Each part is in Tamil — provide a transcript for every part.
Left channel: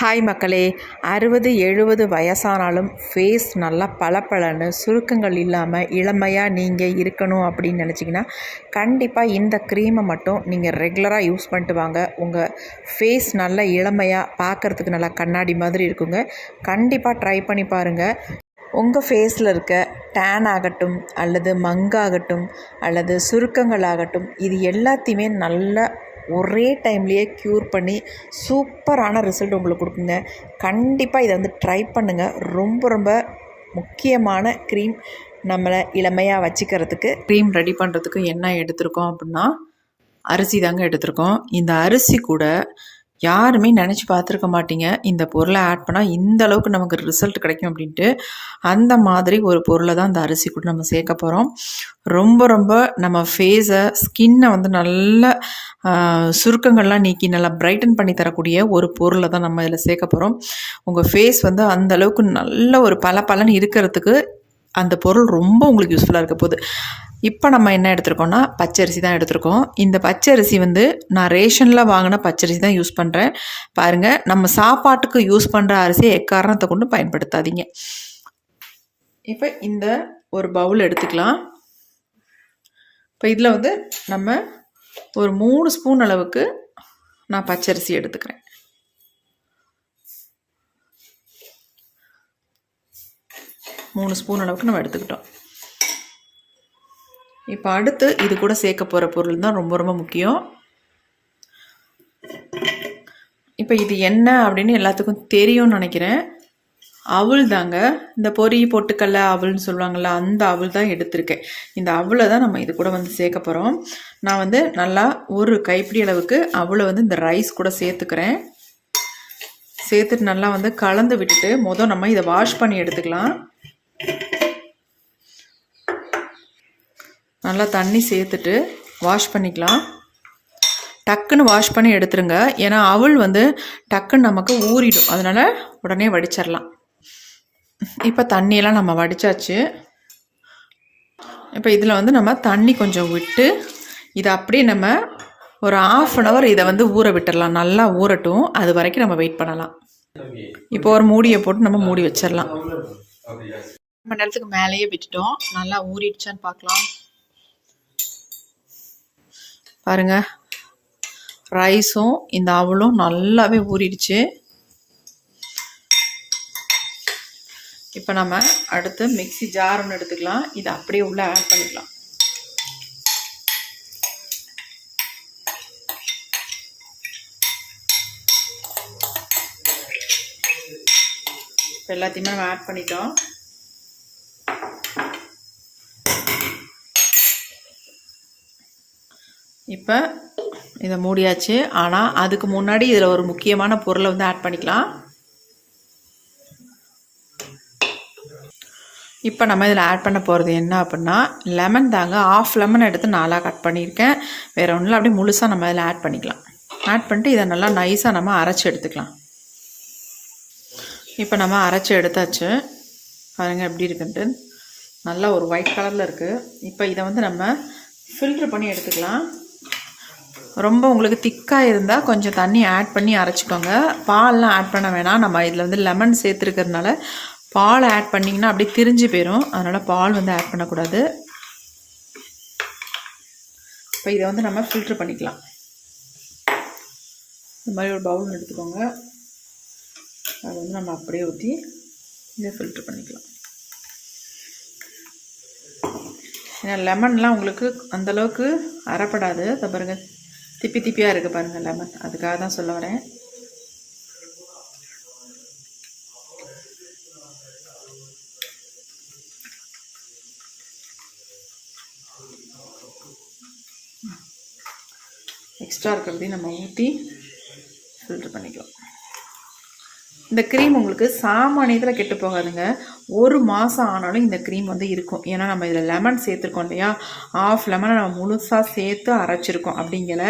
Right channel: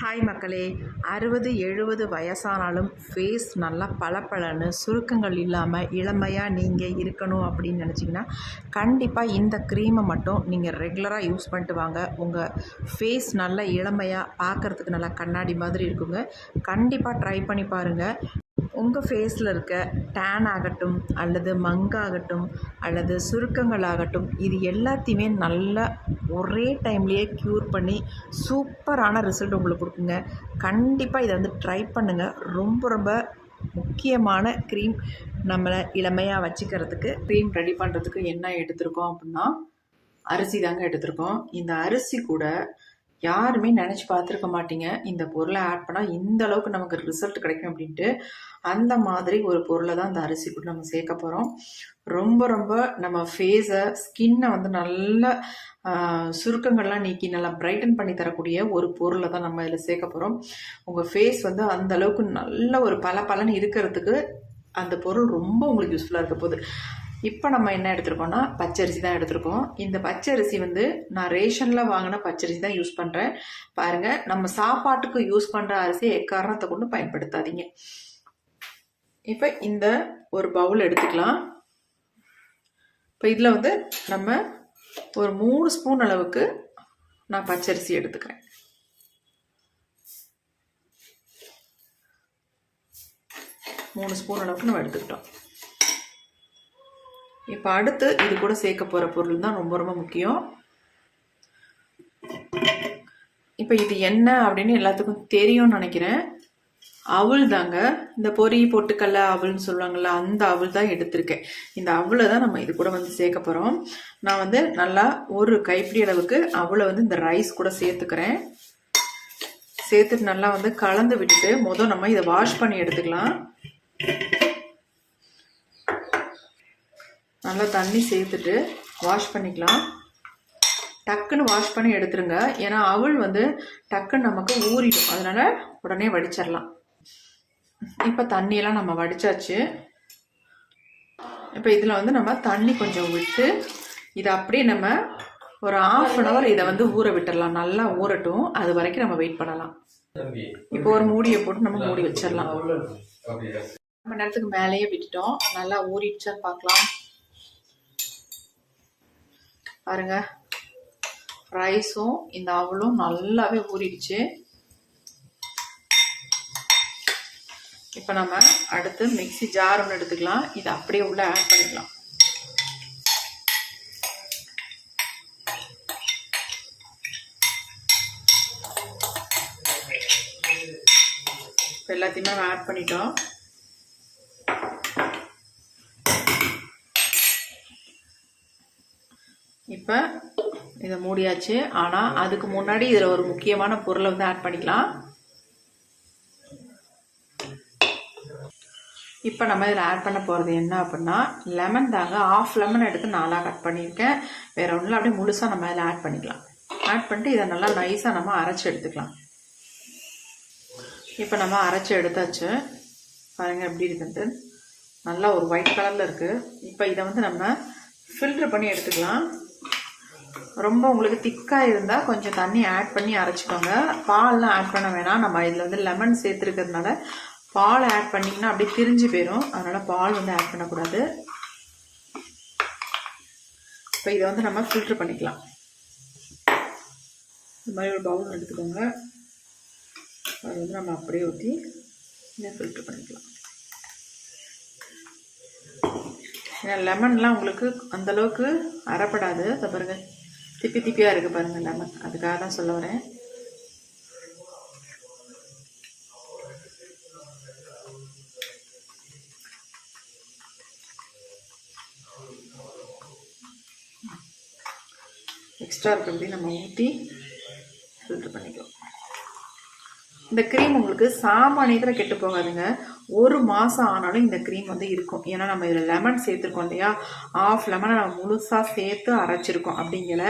ஹாய் மக்களே, 60-70 வயசானாலும் ஃபேஸ் நல்லா பளபளன்னு சுருக்கங்கள் இல்லாமல் இளமையாக நீங்கள் இருக்கணும் அப்படின்னு நினச்சிங்கன்னா கண்டிப்பாக இந்த க்ரீமை மட்டும் நீங்கள் ரெகுலராக யூஸ் பண்ணிட்டு வாங்க. உங்கள் ஃபேஸ் நல்லா இளமையாக பார்க்குறதுக்கு நல்லா கண்ணாடி மாதிரி இருக்குங்க. கண்டிப்பாக ட்ரை பண்ணி பாருங்கள். உங்கள் ஃபேஸில் இருக்க டேன் ஆகட்டும் அல்லது மங்காகட்டும் அல்லது சுருக்கங்கள் ஆகட்டும், இது எல்லாத்தையுமே நல்லா ஒரே டைம்லேயே க்யூர் பண்ணி சூப்பரான ரிசல்ட் உங்களுக்கு கொடுக்குங்க. கண்டிப்பாக இதை ட்ரை பண்ணுங்கள். ரொம்ப ரொம்ப முக்கியமான க்ரீம். நம்மளை இளமையாக வச்சுக்கிறதுக்கு க்ரீம் ரெடி பண்ணுறதுக்கு என்ன எடுத்திருக்கோம் அப்படின்னா அரிசி தாங்க எடுத்திருக்கோம். இந்த அரிசி கூட யாருமே நினச்சி பார்த்துருக்க மாட்டீங்க, இந்த பொருளை ஆட் பண்ணால் இந்த அளவுக்கு நமக்கு ரிசல்ட் கிடைக்கும் அப்படின்ட்டு. அந்த மாதிரி ஒரு பொருளை தான் இந்த அரிசி கூட நம்ம சேர்க்க போகிறோம். ரொம்ப ரொம்ப நம்ம ஃபேஸை ஸ்கின்னை நல்ல சுருக்கங்கள்லாம் நீக்கி நல்லா பிரைட்டன் பண்ணி தரக்கூடிய ஒரு பொருளை தான் நம்ம இதில் சேர்க்க போகிறோம். உங்கள் ஃபேஸ் அந்த அளவுக்கு நல்ல ஒரு பளபளன்னு இருக்கிறதுக்கு அந்த பொருள் ரொம்ப உங்களுக்கு யூஸ்ஃபுல்லாக இருக்க போகுது. இப்போ நம்ம என்ன எடுத்துருக்கோம்னா பச்சரிசி தான் எடுத்துருக்கோம். இந்த பச்சரிசி நான் ரேஷனில் வாங்கின பச்சரிசி தான் யூஸ் பண்ணுறேன். பாருங்கள், நம்ம சாப்பாட்டுக்கு யூஸ் பண்ணுற அரிசியை எக்காரணத்தை கொண்டு பயன்படுத்தாதீங்க. இப்போ இந்த ஒரு பவுல் எடுத்துக்கலாம். இப்போ இதில் நம்ம ஒரு 3 ஸ்பூன் அளவுக்கு நான் பச்சரிசி எடுத்துக்கிறேன். மூணு ஸ்பூன் அளவுக்கு நம்ம எடுத்துக்கிட்டோம். இப்போ அடுத்து இது கூட சேர்க்க போகிற பொருள் தான் ரொம்ப ரொம்ப முக்கியம். இப்போ இது என்ன அப்படின்னு எல்லாத்துக்கும் தெரியும்னு நினைக்கிறேன். அவுள் தாங்க. இந்த பொரி பொட்டுக்கல்ல அவுள்னு சொல்லுவாங்கள்ல, அந்த அவுள் தான் எடுத்திருக்கேன். இந்த அவுளை தான் நம்ம இது கூட சேர்க்க போகிறோம். நான் நல்லா ஒரு கைப்பிடி அளவுக்கு அவுளை இந்த ரைஸ் கூட சேர்த்துக்கிறேன். சேர்த்துட்டு நல்லா கலந்து விட்டுட்டு நம்ம இதை வாஷ் பண்ணி எடுத்துக்கலாம். நல்லா தண்ணி சேர்த்துட்டு வாஷ் பண்ணிக்கலாம். டக்குன்னு வாஷ் பண்ணி எடுத்துருங்க. ஏன்னா அவள் டக்குன்னு நமக்கு ஊறிடும், அதனால் உடனே வடிச்சிடலாம். இப்போ தண்ணியெல்லாம் நம்ம வடித்தாச்சு. இப்போ இதில் நம்ம தண்ணி கொஞ்சம் விட்டு இதை அப்படியே நம்ம ஒரு 1/2 hour இதை ஊற விட்டுடலாம். நல்லா ஊறட்டும், அது வரைக்கும் நம்ம வெயிட் பண்ணலாம். இப்போ ஒரு மூடியை போட்டு நம்ம மூடி வச்சிடலாம். 1 மணி நேரத்துக்கு மேலேயே விட்டுட்டோம். நல்லா ஊறிடுச்சான்னு பார்க்கலாம். பாருங்க, ரைஸும் இந்த அவளும் நல்லாவே ஊறிடுச்சு. இப்போ நம்ம அடுத்து மிக்ஸி ஜார் ஒன்று எடுத்துக்கலாம். இதை அப்படியே உள்ள ஆட் பண்ணிக்கலாம். இப்போ எல்லாத்தையுமே நம்ம ஆட் பண்ணிட்டோம். இப்போ இதை மூடியாச்சு. ஆனால் அதுக்கு முன்னாடி இதில் ஒரு முக்கியமான பொருளை ஆட் பண்ணிக்கலாம். இப்போ நம்ம இதில் ஆட் பண்ண போகிறது என்ன அப்படின்னா லெமன் தாங்க. 1/2 லெமன் எடுத்து 4 கட் பண்ணியிருக்கேன். வேறு ஒன்றும் அப்படியே முழுசாக நம்ம இதில் ஆட் பண்ணிக்கலாம். ஆட் பண்ணிட்டு இதை நல்லா நைஸாக நம்ம அரைச்சி எடுத்துக்கலாம். இப்போ நம்ம அரைச்சி எடுத்தாச்சு. பாருங்கள் எப்படி இருக்குன்ட்டு. நல்லா ஒரு ஒயிட் கலரில் இருக்குது. இப்போ இதை நம்ம ஃபில்ட்ரு பண்ணி எடுத்துக்கலாம். ரொம்ப உங்களுக்கு திக்காக இருந்தால் கொஞ்சம் தண்ணி ஆட் பண்ணி அரைச்சிக்கோங்க. பால்லாம் ஆட் பண்ண வேணாம். நம்ம இதில் லெமன் சேர்த்துருக்கிறதுனால பால் ஆட் பண்ணிங்கன்னா அப்படி திரிஞ்சு போயிடும். அதனால் பால் ஆட் பண்ணக்கூடாது. இப்போ இதை நம்ம ஃபில்ட்ரு பண்ணிக்கலாம். இந்த மாதிரி ஒரு பவுல் எடுத்துக்கோங்க. அதை நம்ம அப்படியே ஊற்றி இதை ஃபில்ட்ரு பண்ணிக்கலாம். ஏன்னா லெமன்லாம் உங்களுக்கு அந்தளவுக்கு அரைப்படாது. அதை பாருங்கள், திப்பி திப்பியாக இருக்குது பாருங்கள் லெமன். அதுக்காக தான் சொல்ல வரேன். எக்ஸ்ட்ரா இருக்கிறது நம்ம ஊற்றி ஃபில்டர் பண்ணிக்கலாம். இந்த க்ரீம் உங்களுக்கு சாமானியத்தில் கெட்டு போகாதுங்க. 1 மாதம் ஆனாலும் இந்த க்ரீம் இருக்கும். ஏன்னா நம்ம இதில் லெமன் சேர்த்துருக்கோம் இல்லையா, 1/2 லெமனை நம்ம முழுசாக சேர்த்து அரைச்சிருக்கோம். அப்படிங்கிற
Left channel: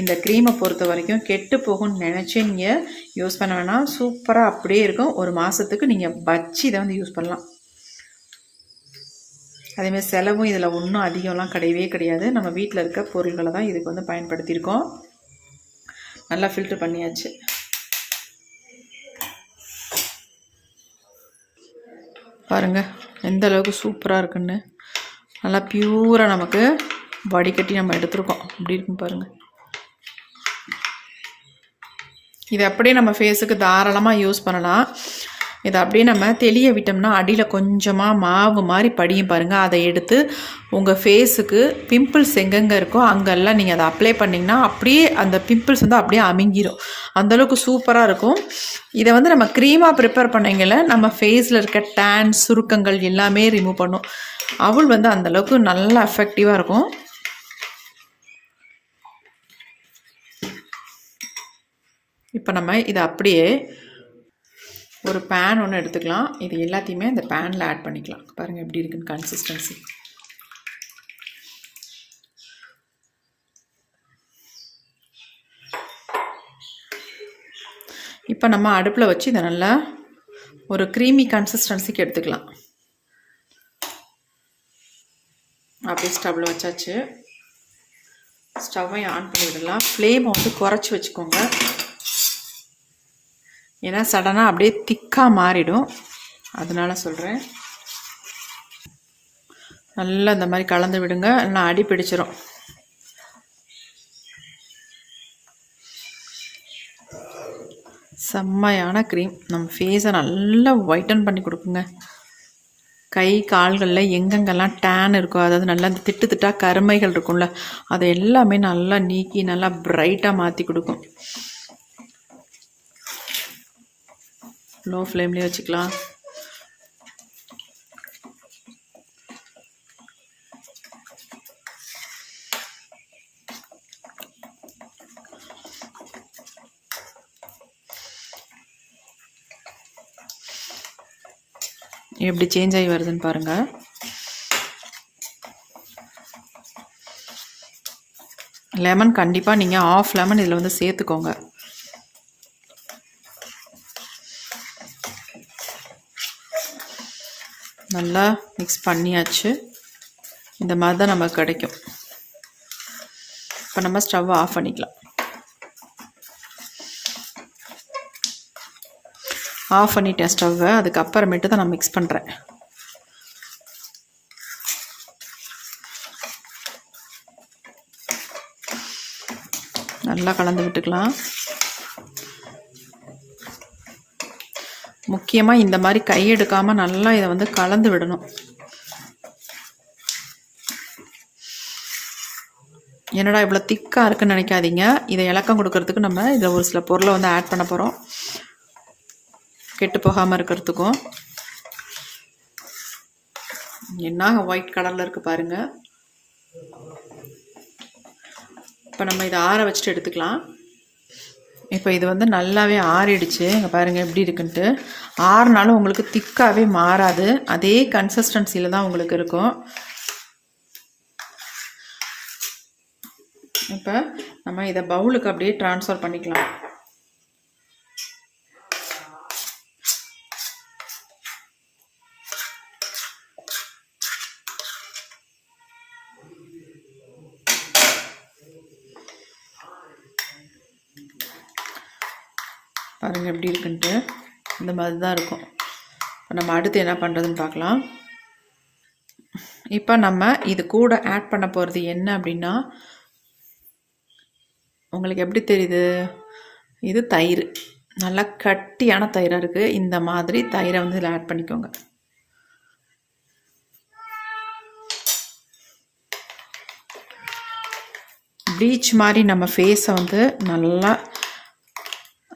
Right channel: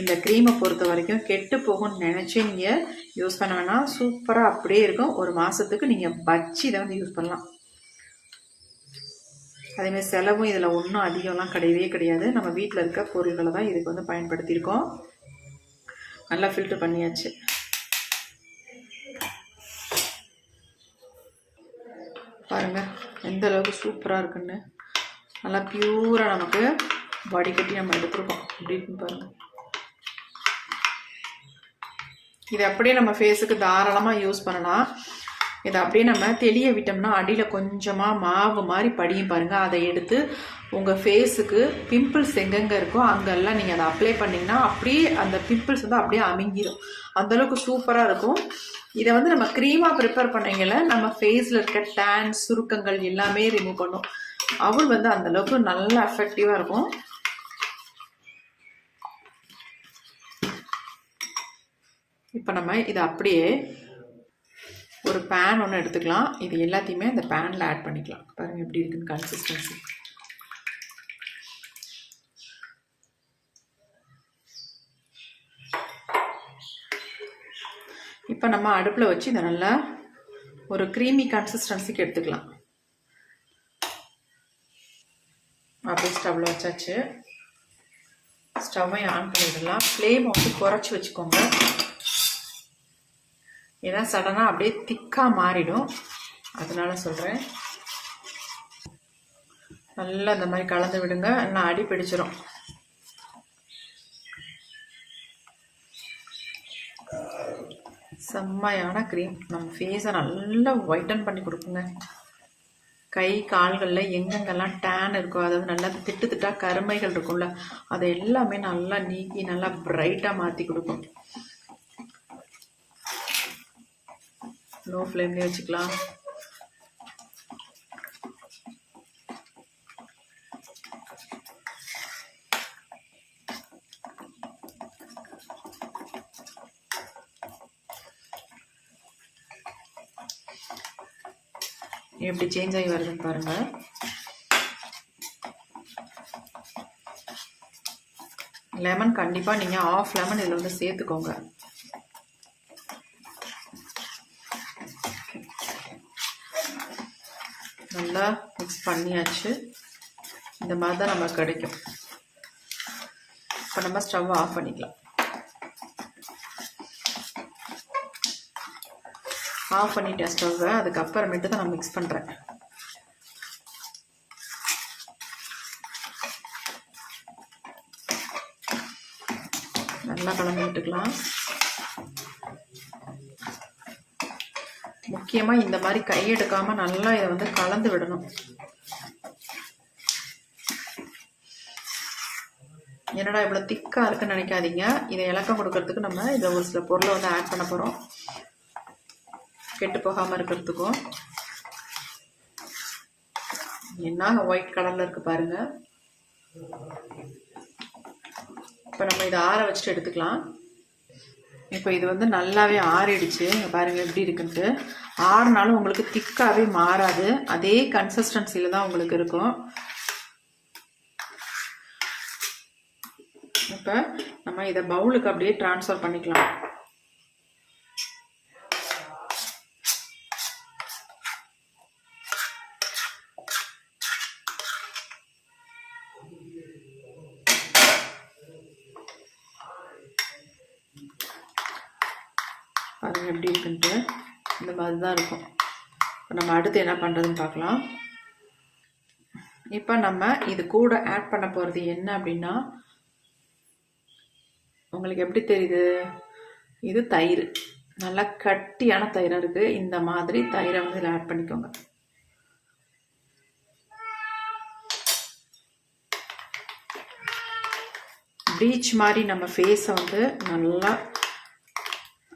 இந்த க்ரீமை பொறுத்த வரைக்கும் கெட்டு போகும்னு நினச்சி நீங்கள் யூஸ் பண்ண வேணாம். சூப்பராக அப்படியே இருக்கும். 1 மாதத்துக்கு நீங்கள் வச்சு இதை யூஸ் பண்ணலாம். அதேமாதிரி செலவும் இதில் ஒன்றும் அதிகம்லாம் கிடையவே கிடையாது. நம்ம வீட்டில் இருக்க பொருள்களை தான் இதுக்கு பயன்படுத்தியிருக்கோம். நல்லா ஃபில்ட்ரு பண்ணியாச்சு. பாருங்கள் எந்த அளவுக்கு சூப்பராக இருக்குன்னு. நல்லா பியூராக நமக்கு வடிகட்டி நம்ம எடுத்துருக்கோம். அப்படி இருக்குன்னு பாருங்கள். இது அப்படியே நம்ம ஃபேஸுக்கு தாராளமாக யூஸ் பண்ணலாம். இதை அப்படியே நம்ம தெளிய விட்டோம்னா அடியில் கொஞ்சமாக மாவு மாதிரி படியும் பாருங்கள். அதை எடுத்து உங்கள் ஃபேஸுக்கு பிம்பிள்ஸ் எங்கெங்கே இருக்கோ அங்கெல்லாம் நீங்கள் அதை அப்ளை பண்ணிங்கன்னா அப்படியே அந்த பிம்பிள்ஸ் வந்து அப்படியே அமுங்கிடும். அந்தளவுக்கு சூப்பராக இருக்கும். இதை வந்து நம்ம க்ரீமாக ப்ரிப்பேர் பண்ணிங்கல நம்ம ஃபேஸில் இருக்க டேன் சுருக்கங்கள் எல்லாமே ரிமூவ் பண்ணும். அவள் வந்து அந்தளவுக்கு நல்லா எஃபெக்டிவாக இருக்கும். இப்போ நம்ம இதை அப்படியே ஒரு பேன் ஒன்று எடுத்துக்கலாம். இது எல்லாத்தையுமே அந்த பேனில் ஆட் பண்ணிக்கலாம். பாருங்கள் எப்படி இருக்குன்னு கன்சிஸ்டன்சி. இப்போ நம்ம அடுப்பில் வச்சு இதை நல்லா ஒரு க்ரீமி கன்சிஸ்டன்சிக்கு எடுத்துக்கலாம். அப்படியே ஸ்டவ்வில் வச்சாச்சு. ஸ்டவ்வை ஆன் பண்ணிடலாம். ஃப்ளேம் வந்து குறைச்சி வச்சுக்கோங்க. ஏன்னா சடனாக அப்படியே திக்காக மாறிடும், அதனால சொல்கிறேன். நல்லா இந்த மாதிரி கலந்து விடுங்க, நல்லா அடி பிடிச்சிரும். செம்மையான க்ரீம் நம்ம ஃபேஸை நல்லா ஒயிட்டன் பண்ணி கொடுக்குங்க. கை கால்களில் எங்கெங்கெல்லாம் டேன் இருக்கோ, அதாவது நல்லா திட்டு திட்டாக கருமைகள் இருக்கும்ல, அதை எல்லாமே நல்லா நீக்கி நல்லா பிரைட்டாக மாற்றி கொடுக்கும். லோ ஃப்ளேம்லேயே வச்சுக்கலாம். எப்படி சேஞ்ச் ஆகி வருதுன்னு பாருங்கள். லெமன் கண்டிப்பாக நீங்கள் ஆஃப் லெமன் இதில் வந்து சேர்த்துக்கோங்க. நல்லா மிக்ஸ் பண்ணியாச்சு. இந்த மாதிரி தான் நமக்கு கிடைக்கும். இப்போ நம்ம ஸ்டவ்வை ஆஃப் பண்ணிக்கலாம். ஆஃப் பண்ணிட்டேன் ஸ்டவ்வை. அதுக்கப்புறமேட்டு தான் நான் மிக்ஸ் பண்ணுறேன். நல்லா கலந்து விட்டுக்கலாம். முக்கியமாக இந்த மாதிரி கை எடுக்காமல் நல்லா இதை வந்து கலந்து விடணும். என்னடா இவ்வளோ திக்காக இருக்குன்னு நினைக்காதீங்க. இதை இலக்கம் கொடுக்கறதுக்கு நம்ம இதில் ஒரு சில பொருளை வந்து ஆட் பண்ண போகிறோம், கெட்டு போகாமல் இருக்கிறதுக்கும். என்ன ஒயிட் கலரில் இருக்குது பாருங்கள். இப்போ நம்ம இதை ஆற வச்சுட்டு எடுத்துக்கலாம். இப்போ இது வந்து நல்லாவே ஆறிடுச்சு. இங்கே பாருங்கள் எப்படி இருக்குன்ட்டு. ஆறுனாலும் உங்களுக்கு திக்காகவே மாறாது, அதே கன்சிஸ்டன்சியில் தான் உங்களுக்கு இருக்கும். இப்போ நம்ம இதை பவுலுக்கு அப்படியே ட்ரான்ஸ்ஃபர் பண்ணிக்கலாம். பாருங்கள் எப்படி இருக்குன்ட்டு. இந்த மாதிரி தான் இருக்கும். நம்ம அடுத்து என்ன பண்ணுறதுன்னு பார்க்கலாம். இப்போ நம்ம இது கூட ஆட் பண்ண போகிறது என்ன அப்படின்னா, உங்களுக்கு எப்படி தெரியுது, இது தயிர். நல்லா கட்டியான தயிராக இருக்குது. இந்த மாதிரி தயிரை வந்து இதில் ஆட் பண்ணிக்கோங்க. ப்ளீச் மாதிரி நம்ம ஃபேஸை வந்து நல்லா,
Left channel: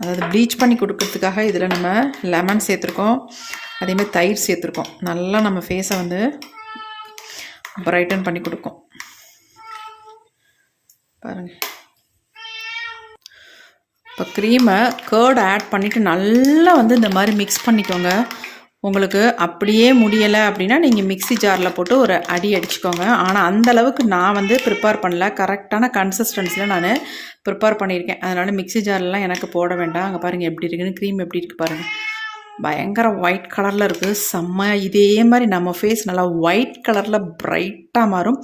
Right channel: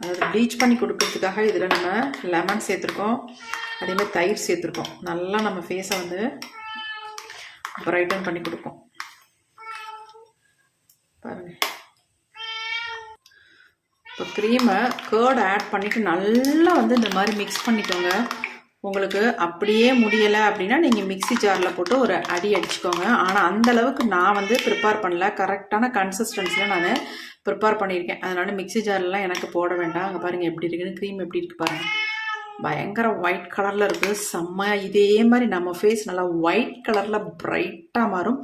அதாவது ப்ளீச் பண்ணி கொடுக்கறதுக்காக இதில் நம்ம லெமன் சேர்த்துருக்கோம், அதேமாதிரி தயிர் சேர்த்துருக்கோம். நல்லா நம்ம ஃபேஸை வந்து பிரைட்டன் பண்ணி கொடுக்கும். பாருங்கள். இப்போ க்ரீமை கேர்டு ஆட் பண்ணிவிட்டு நல்லா வந்து இந்த மாதிரி மிக்ஸ் பண்ணிக்கோங்க. உங்களுக்கு அப்படியே முடியலை அப்படின்னா நீங்கள் மிக்ஸி ஜாரில் போட்டு ஒரு அடி அடிச்சுக்கோங்க. ஆனால் அந்தளவுக்கு நான் வந்து ப்ரிப்பேர் பண்ணல, கரெக்டான கன்சிஸ்டன்சியில் நான் ப்ரிப்பேர் பண்ணியிருக்கேன். அதனால் மிக்ஸி ஜார்லாம் எனக்கு போட வேண்டாம். அங்கே பாருங்கள் எப்படி இருக்குன்னு, க்ரீம் எப்படி இருக்குது பாருங்கள். பயங்கர ஒயிட் கலரில் இருக்குது, செம்ம. இதே மாதிரி நம்ம ஃபேஸ் நல்லா ஒயிட் கலரில் ப்ரைட்டாக மாறும்.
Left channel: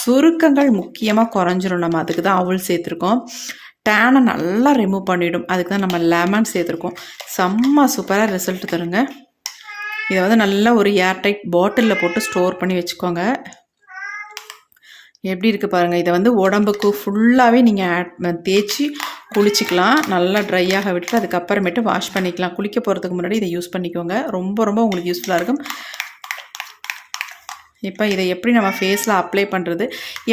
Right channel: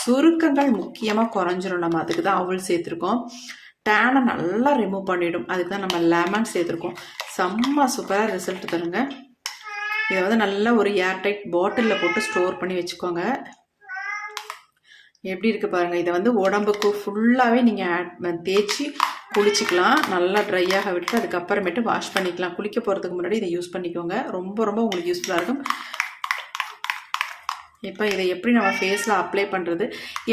சுருக்கங்கள் முக்கியமாக குறைஞ்சிரும். நம்ம அதுக்கு தான் அவள் சேர்த்துருக்கோம். டேனை நல்லா ரிமூவ் பண்ணிவிடும், அதுக்கு தான் நம்ம லெமன் சேர்த்துருக்கோம். செம்ம சூப்பராக ரிசல்ட் தருங்க. இதை வந்து நல்லா ஒரு ஏர்டைட் பாட்டிலில் போட்டு ஸ்டோர் பண்ணி வச்சுக்கோங்க. எப்படி இருக்குது பாருங்கள். இதை வந்து உடம்புக்கு ஃபுல்லாகவே நீங்கள் தேய்ச்சி குளிச்சிக்கலாம். நல்லா ட்ரையாக விட்டு அதுக்கப்புறமேட்டு வாஷ் பண்ணிக்கலாம். குளிக்க போகிறதுக்கு முன்னாடி இதை யூஸ் பண்ணிக்கோங்க. ரொம்ப ரொம்ப உங்களுக்கு யூஸ்ஃபுல்லாக இருக்கும். இப்போ இதை எப்படி நம்ம ஃபேஸில் அப்ளை பண்ணுறது,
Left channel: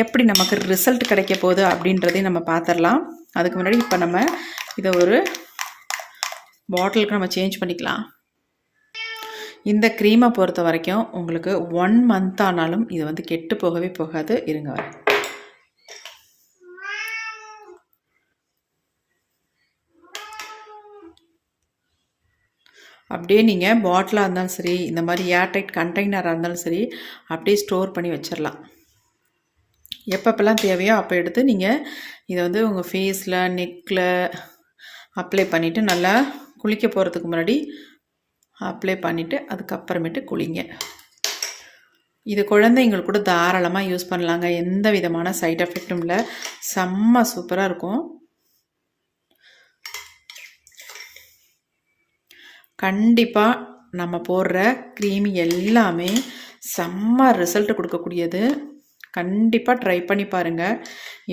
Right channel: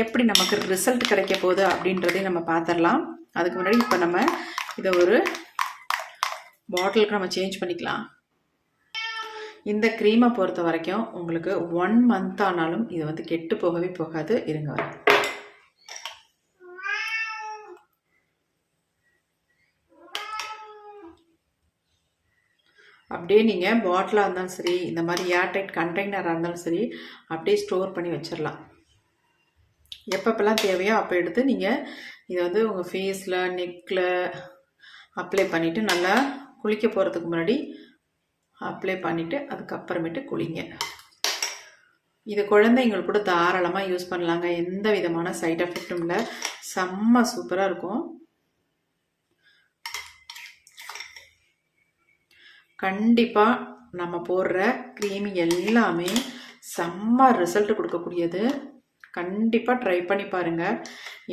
எப்படி நமக்கு ரிசல்ட் கிடைக்க போகுது அப்படின்றதையும் நம்ம பார்த்துடலாம். அதுக்கு முன்னாடி இப்போ நம்ம இதை ஒரு பாட்டிலுக்கு நம்ம சேஞ்ச் பண்ணிக்கலாம். இந்த க்ரீமை பொறுத்த வரைக்கும் உங்களுக்கு 1 மந்த் ஆனாலும் இது வந்து கெட்டு போகவே போகாது. இருங்க, அப்படியே நீங்கள் பாட்டிலாக இருந்தாலும் சரி, இந்த மாதிரி ஏர்டைட் கண்டெய்னராக இருந்தாலும் சரி, அப்படியே ஸ்டோர் பண்ணி வச்சிடலாம். எப்பப்பெல்லாம் தேவையோ அப்போ எடுத்து நீங்கள் இதை வந்து உங்கள் ஃபேஸில், நெக்கில் அப்ளை பண்ணிவிட்டு நல்லா குளிக்க போகிறதுக்கு முன்னாடி அப்ளை பண்ணிவிட்டு அதுக்கப்புறமேட்டு குளிங்க. இது குழந்தைங்களுக்கு கூட தாராளமாக யூஸ் பண்ணலாங்க. எந்த விதமான சைட் எஃபெக்டும் இல்லை. செம்ம சூப்பராக இருக்கும். கண்டிப்பாக நம்ம போடுற க்ரீம் எல்லாமே செம்ம ரிசல்ட் கொடுக்கக்கூடியது. கண்டிப்பாக ட்ரை பண்ணி பாருங்கள்.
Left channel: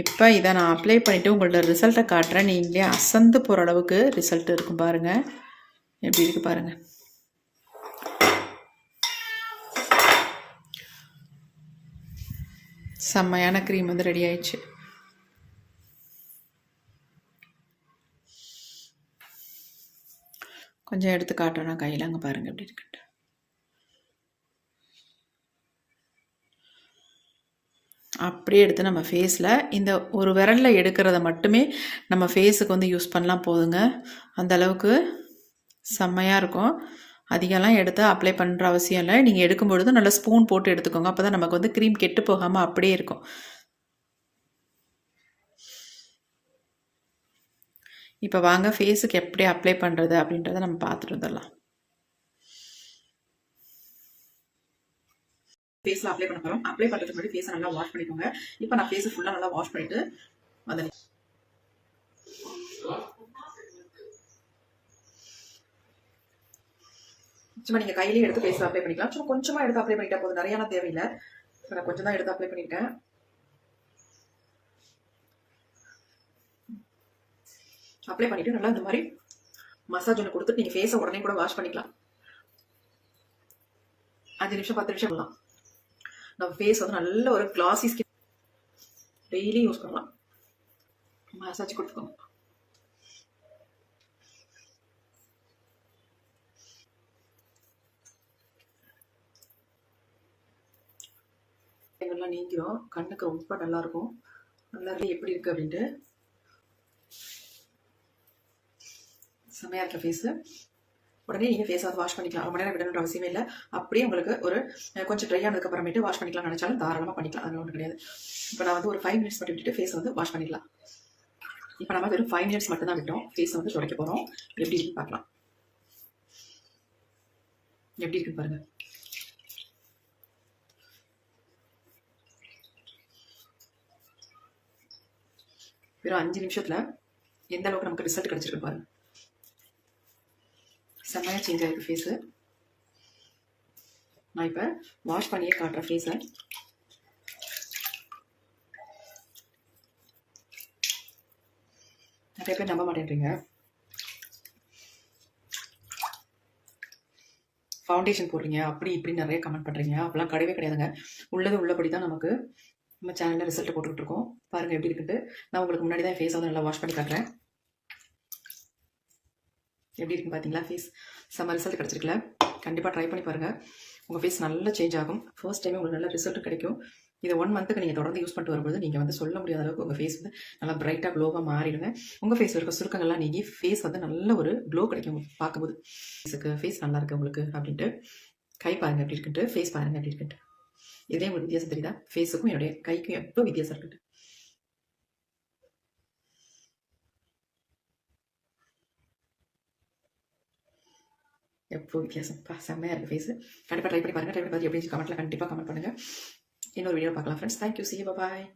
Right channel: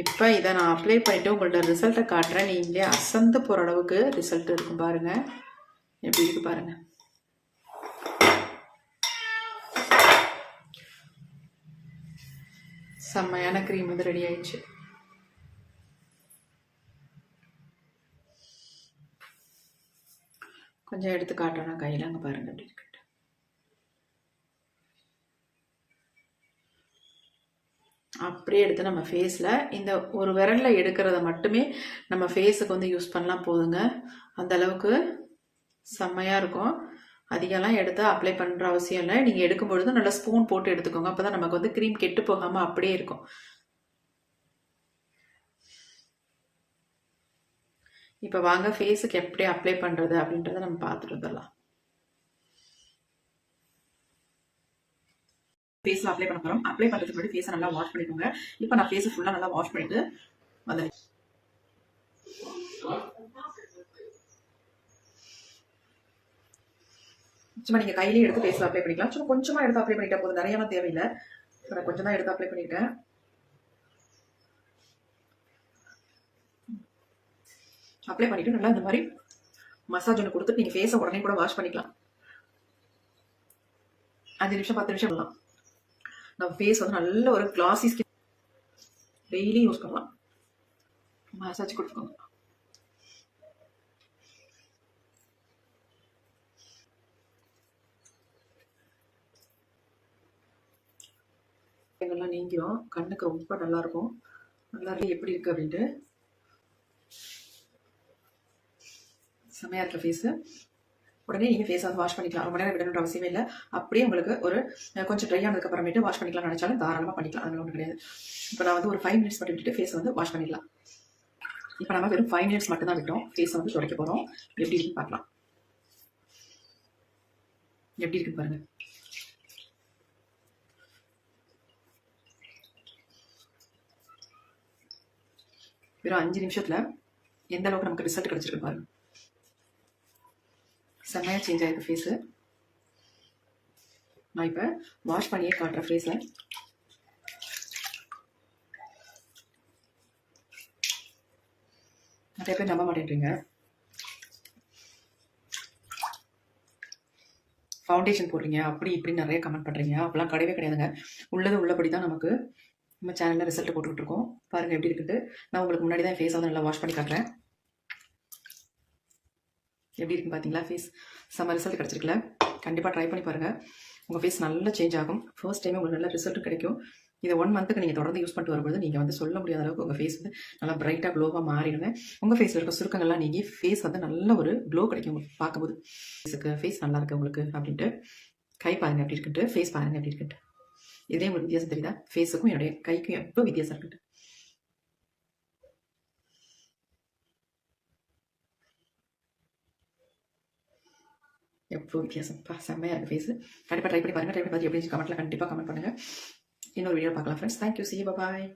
இப்போ இதை நான் அப்ளை பண்ணிவிட்டு உங்கள்ட்ட ரிசல்ட்டை காட்டுறேன். நீங்களே அசந்து போகிற அளவுக்கு ரிசல்ட் இருக்கும் பாருங்கள். எப்படி இருக்குது பாருங்கள். செம்மையான க்ரீம் வந்து ரெடி ஆயிடுச்சு. கொஞ்சம் எடுத்து காட்டுறேன் கையில். அங்கே பாருங்கள் எப்படி இருக்குன்ட்டு. அப்படியே எடுத்து நம்ம ஃபேஸில் இந்த ஒரு விரலில் எடுக்கிறத மட்டுமே நம்ம ஃபேஸுக்கு வந்து யூஸ் பண்ணலாம் போதுங்க. அந்த அளவுக்கு செம்மையாக இருக்கும். அதிகம்லாம் எடுத்து அப்ளை பண்ணுற அவசியம் இல்லை. நீங்கள் எடுக்கும்பொழுது நல்லா ஸ்பூன் போட்டு எடுத்துக்கோங்க. அப்போ தான் நமக்கு வந்து க்ரீம் கெட்டு போகாமல் அப்படியே இருக்கும். இப்போ வாங்க ஃபேஸுக்கு எப்படி அப்ளை பண்ணுறது அப்படின்றத நம்ம பார்த்துட்டு வந்துடலாம். ஃபேஸில் அப்ளை பண்ண போகிறோம். அப்ளை பண்ணுறதுக்கு முன்னாடி ஃபேஸை நல்லா வாஷ் பண்ணிக்கோங்க. இப்போ நான் ஃபேஸை ஃபுல்லாக நல்லா வாஷ் பண்ணிவிட்டு வந்து சும்மா நீங்கள் கையிலேயே எடுத்து ஃபேஸில் அப்ளை பண்ணிக்கலாம். சும்மா கொஞ்சமாக எடுத்து அப்ளை பண்ணிட்டா போதும். நிறையாலாம் தேவையில்லை. இப்போ நான் கொஞ்சம் தான் எடுத்து அப்ளை பண்ணியிருக்கேன். அப்ளை பண்ணிவிட்டு நல்லா இந்த மாதிரி மசாஜ் ஒன்று கொடுத்துட்டு நீங்கள் ஃபேஸை உடனே கூட வாஷ் பண்ணிக்கலாம். 5 நிமிஷம் 10 நிமிஷம் பண்ணலாம். நம்ம ஃபேஸ் வந்து நல்ல ஒரு கிளாசி ஸ்கின். டெய்லி யூஸ் பண்ணலாம். மசாஜ் கொடுத்துக்கோங்க. எங்கெல்லாம் நீங்கிரும். கண்ணுக்கு ரொம்ப நல்லா இருக்கும். நல்லா இருக்கு. எப்படி இருக்கு அப்படின்ட்டு செம்மையாக இருக்க ஃபேஸு. உடனே நீங்கள் ஃபேஸை வந்து வாஷ் பண்ணிக்கலாம். ரொம்ப நேரம் விடணுன்ற அவசியமே இல்லை. அப்படியே உங்களுக்கு ஒரு கொஞ்சம் ட்ரை ஆனதுக்கு அப்புறமேட்டு வாஷ் பண்ணிக்கலாம் நினைச்சாலும் தாராளமாக பண்ணிக்கலாம். அதனால ஒன்றும் கிடையாது. இப்போ நான் வந்து ஒரு 5 மினிட்ஸ் மட்டும் விட்டுட்டு ஃபேஸை வந்து வாஷ் பண்ணிடலாம். இப்போ நம்ம வெறும் 5 மினிட்ஸ் மட்டும் தான் விட்டோம். ஃபேஸை வந்து துடைக்க போகிறோம். எப்படி இருக்குன்னு பார்க்கலாம். எப்படி இருக்குன்னு பாருங்கள். வெறும் 5 நிமிஷத்தில் எந்த அளவுக்கு நமக்கு ரிசல்ட் கிடச்சிருக்கு பாருங்க. செம்மையாக சேஞ்ச் ஆகிருக்கு ஃபேஸு. நான் இப்போ வாஷ் பண்ணியே காட்டுறேன் ஃபேஸை. நிறைய பேர் நம்ப மாட்டேன்றீங்க. ஃபவுண்டேஷன் போடுறீங்க அப்படி இப்படி நிறைய கமெண்ட் பண்ணுறீங்க. அப்போலாம் கிடையவே கிடையாதுங்க. உள்ளது உள்ளபடி தான் நமக்கு நம்ம சேனலில் ரிசல்ட் போட்டுக்கிட்டு இருக்கோம். பாருங்கள் எப்படி இருக்குன்ட்டு. நான் உங்களுக்கு முன்னாடி தான் ஃபேஸை வந்து நல்லா வாஷ் பண்ணி காட்டுறேன். எப்படி இருக்குன்னு பார்த்தீங்களா? ஃபேஸ் செம்ம ரிசல்ட் கிடச்சிருக்குல்ல. கண்டிப்பாக ட்ரை பண்ணி பாருங்கள். உங்கள் ஃபேஸ் நல்லா சேஞ்ச் ஆகும். ஃபர்ஸ்ட் டைம் உங்களுக்கு நல்ல ரிசல்ட் கிடைக்கும். இதை 1 மந்த்துக்கு நீங்கள் தொடர்ந்து யூஸ் பண்ணிட்டு வரும்போது நீங்கள் வந்து சொல்ல முடியாத அளவுக்கு உங்கள் ஃபேஸ் வந்து நல்லா பிரைட்டாக க்ளோவாக மாறிடுங்க. உங்கள் ஃபேஸில் இருக்க சுருக்கங்கள்லாம் நீங்கி ஃபேஸ் வந்து நல்ல ஒரு க்ளோ கிடைக்கும் உங்களுக்கு பார்க்கும்போது. ஃபேஸ் நல்லா இருக்குது உங்களுக்கு அப்படின்ட்டு. கை பாருங்கள் எப்படி இருக்குன்ட்டு. ஃபேஸ் பாருங்கள் எப்படி இருக்குன்ட்டு. இதே உங்களுக்கு வித்தியாசம் தெரியுதா? ஃபேஸுக்கும் என்னுடைய கைக்கும் எவ்வளோ வித்தியாசம் இருக்குன்ட்டு. எவ்வளோ வித்தியாசம். செம்மையாக இருக்குது ஃபேஸு. கண்டிப்பாக ட்ரை பண்ணி பாருங்கள். ட்ரை பண்ணி பார்த்து எப்படி கமெண்ட்டில் கண்டிப்பாக கமெண்ட் பண்ணுங்கள். இன்னொரு வீடியோ பார்க்கலாம் friends. Thank you. C you. Bye.